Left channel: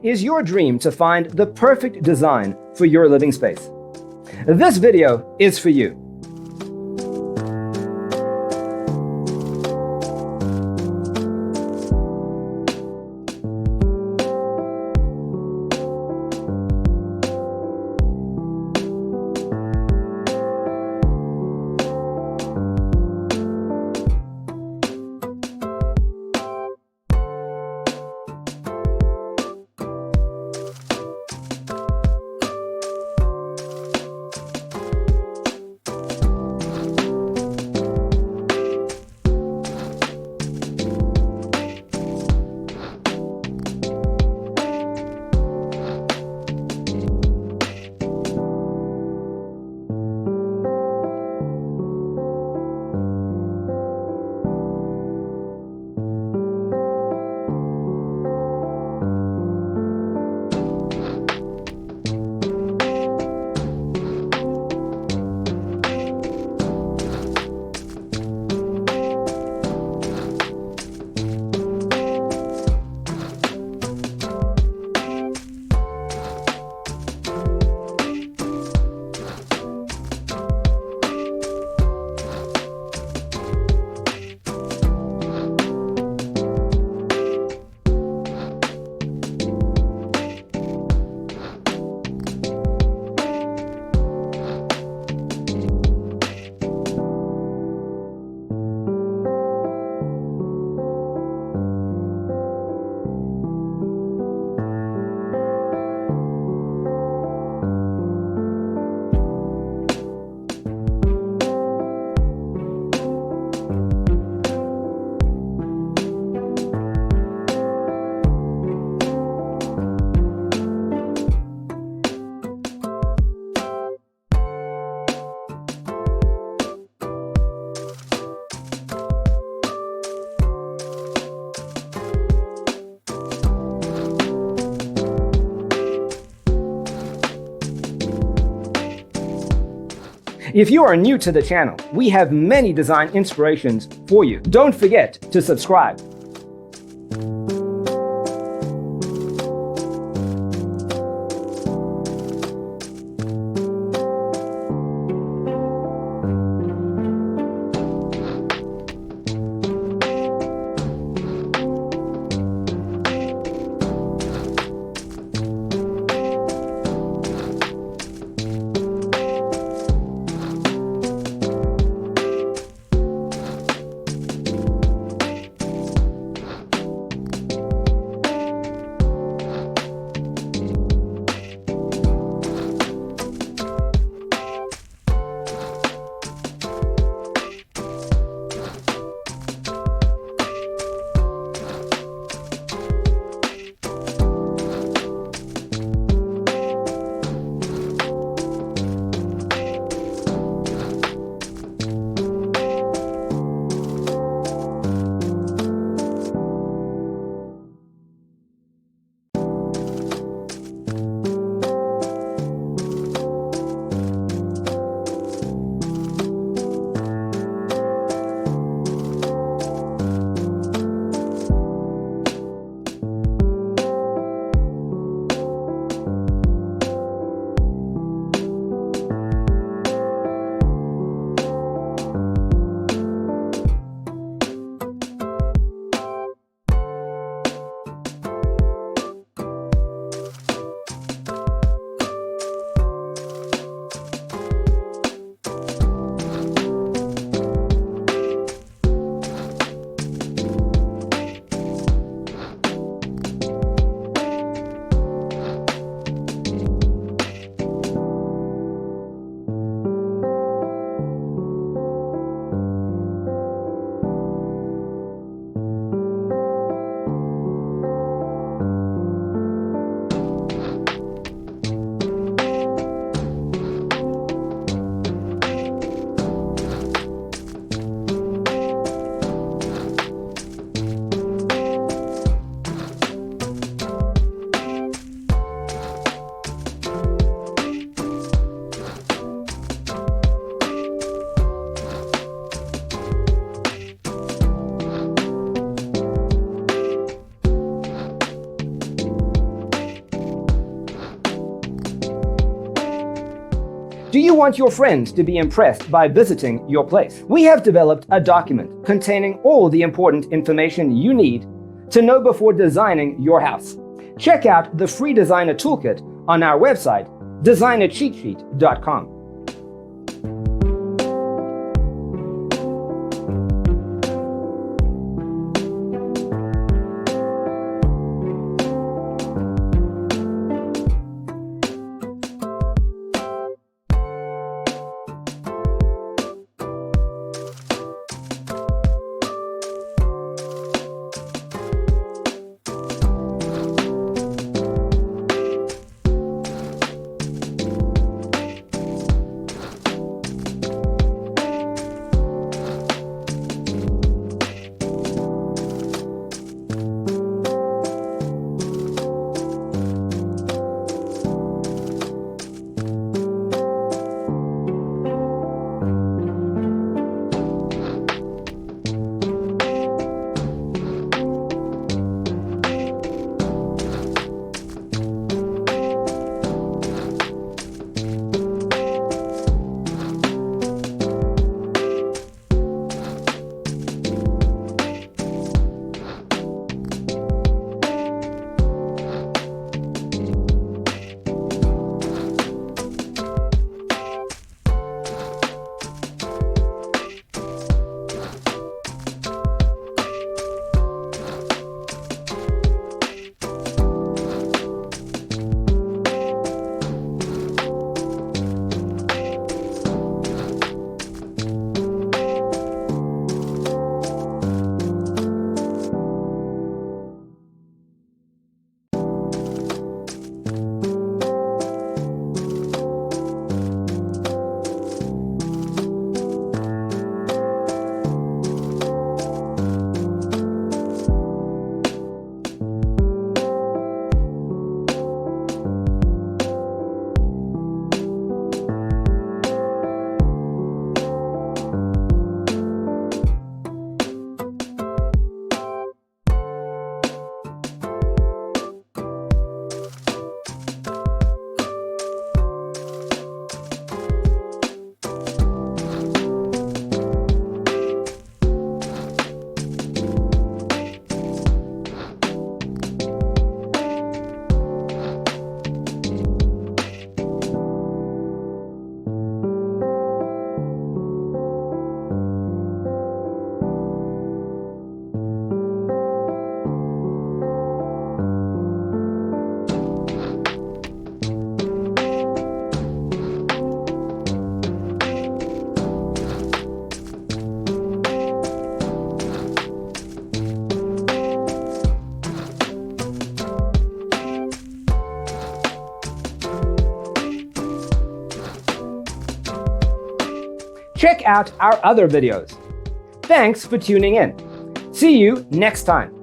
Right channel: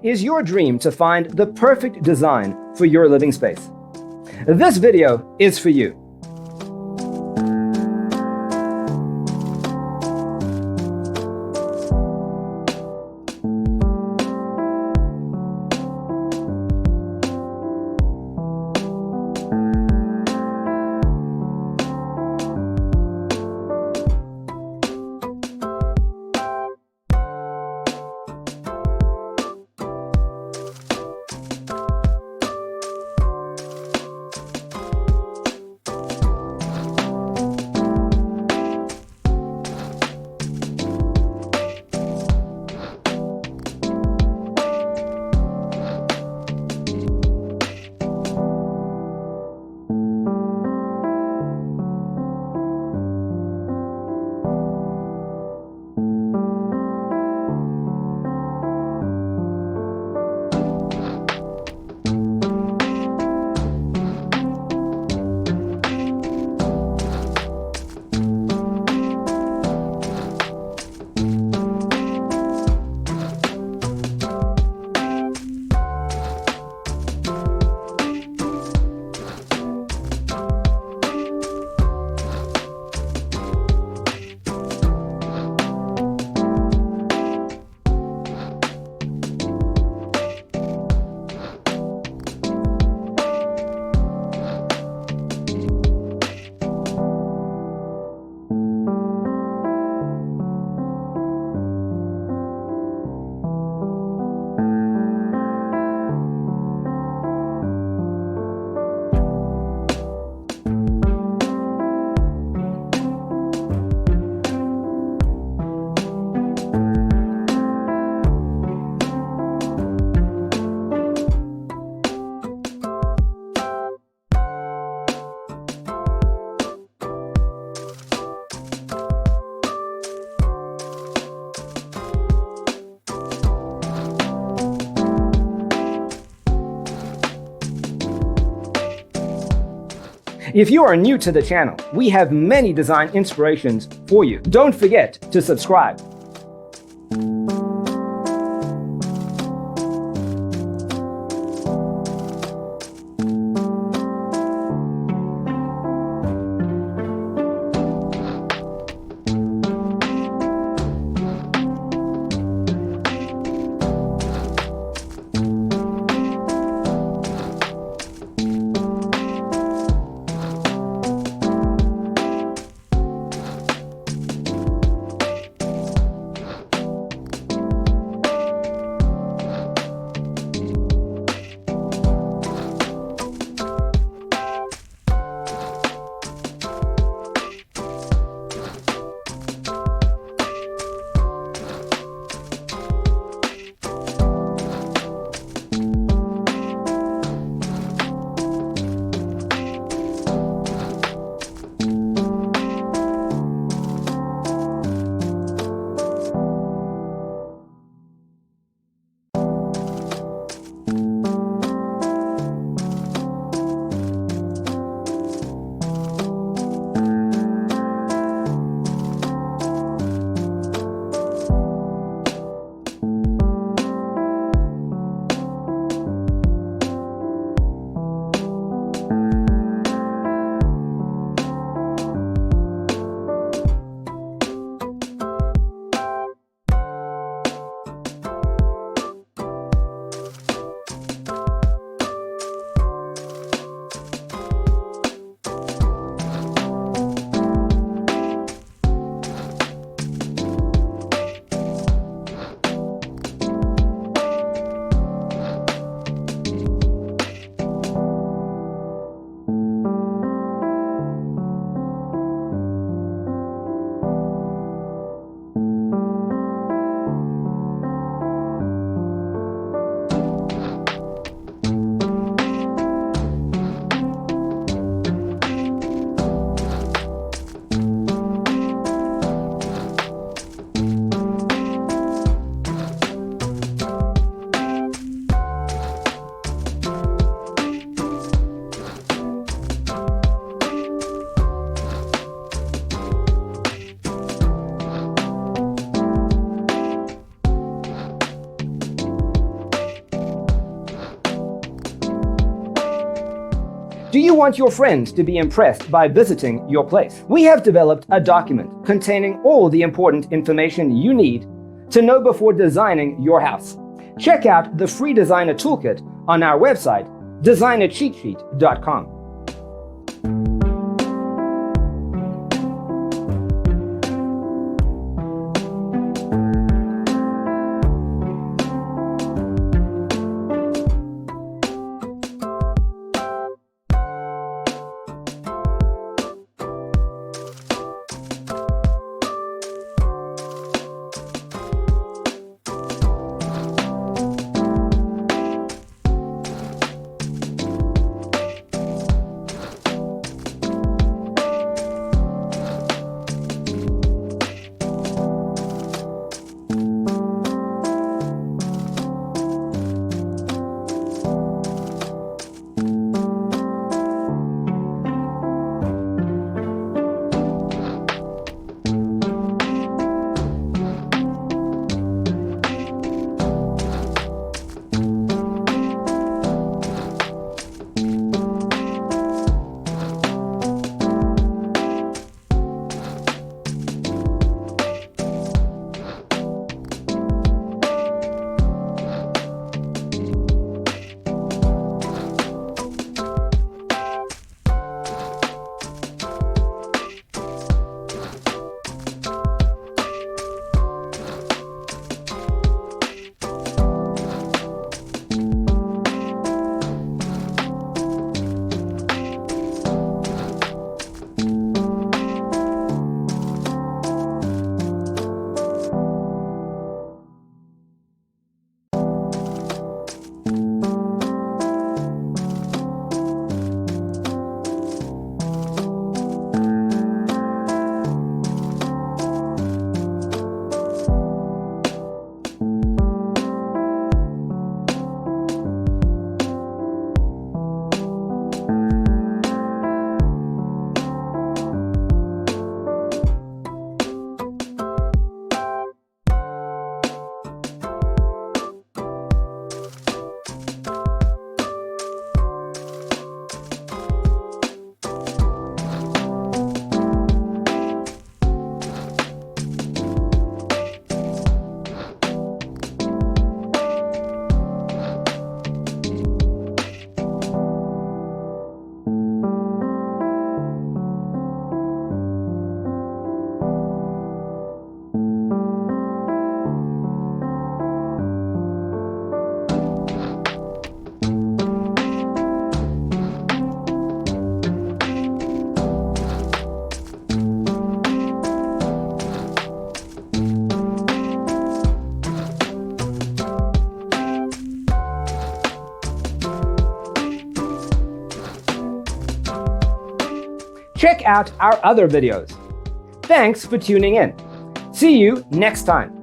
Is your dream to find the perfect design for your living space? This video is for you. If you are new to the channel, we have many design inspirations for you. Don't forget to subscribe. Do you want your friends to be impressed by visiting your place? We have developed a document containing all the important information you need to know before designing your house. Check out the free designer toolkit on our website, designercheatsheet.com. Check out our other videos. Thanks for tuning in. See you next time.